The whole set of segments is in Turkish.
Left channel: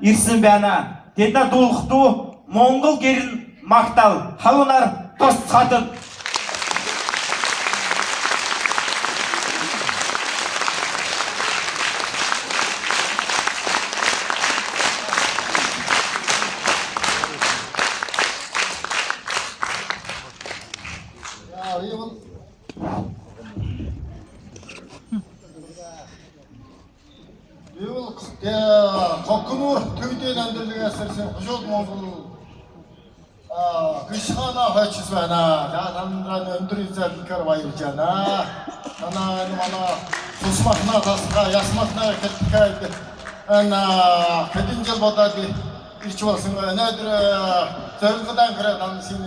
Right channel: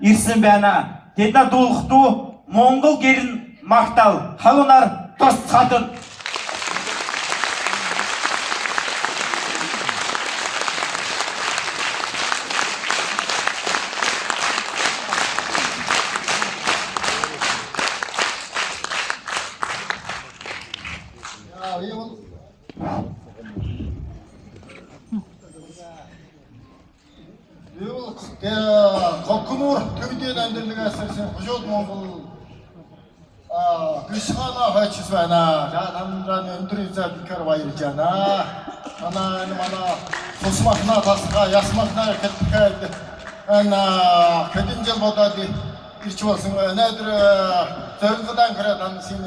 ирсэн байна. Тэдний дуулахдуу Монгол гэрн магтаал халуунаар тусгатна. Колкнуур төвдийн амьдралаас ирсэн Бушууд Монгол гişхана хойчс байна. За тандраны өндрийн залхаар баярлж байна. Манай сусмахна тасга ясмахна хэлбэхэд хэдэн жил бодоод ирч болсон. Өнөөдөр зорилгодан гараад ансын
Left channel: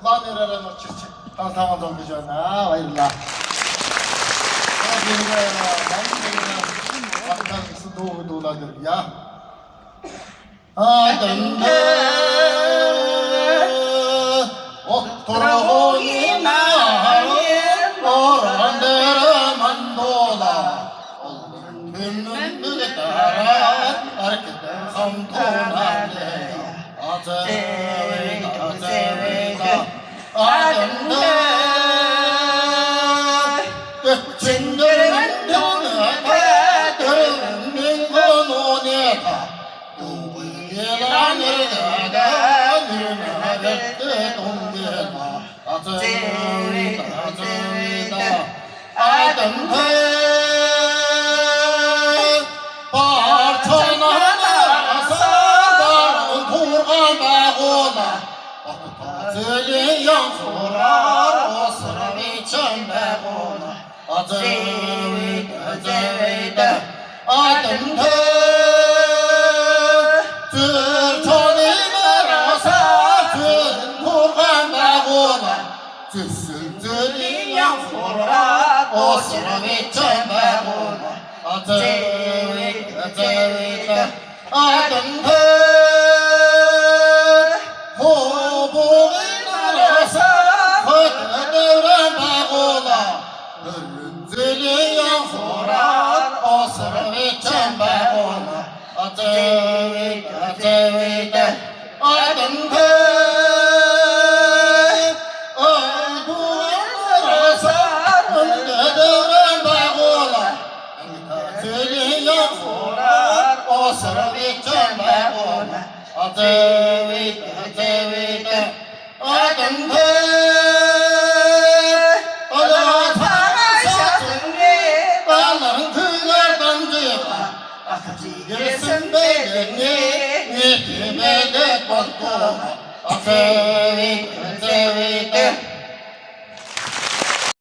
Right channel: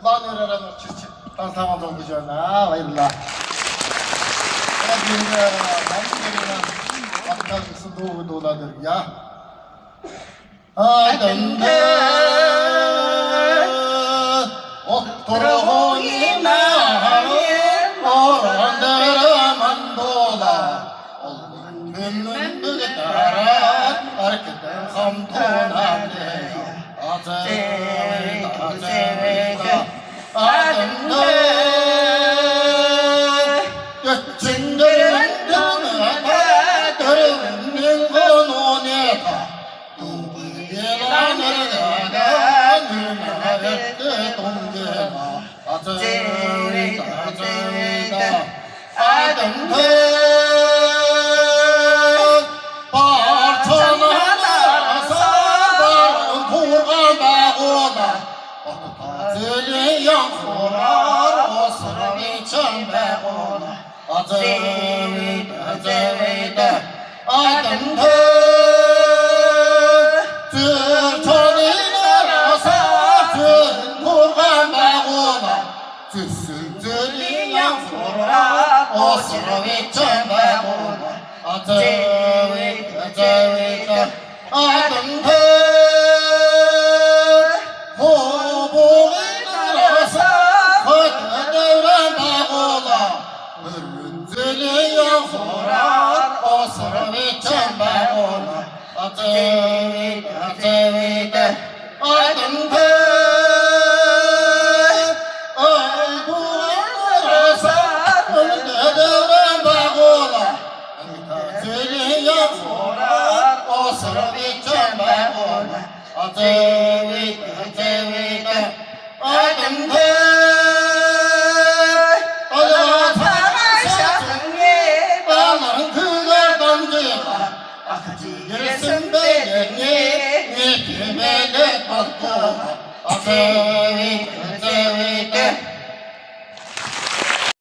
планераар очиж тасаан зогж байна. Баярлалаа. Bakar mısın doğru dolanır ya? Adında oturuğu inanır orandır mandola Gönlüm bırakar arkadan hamdoladı Adında göçündürün dönüyor Ate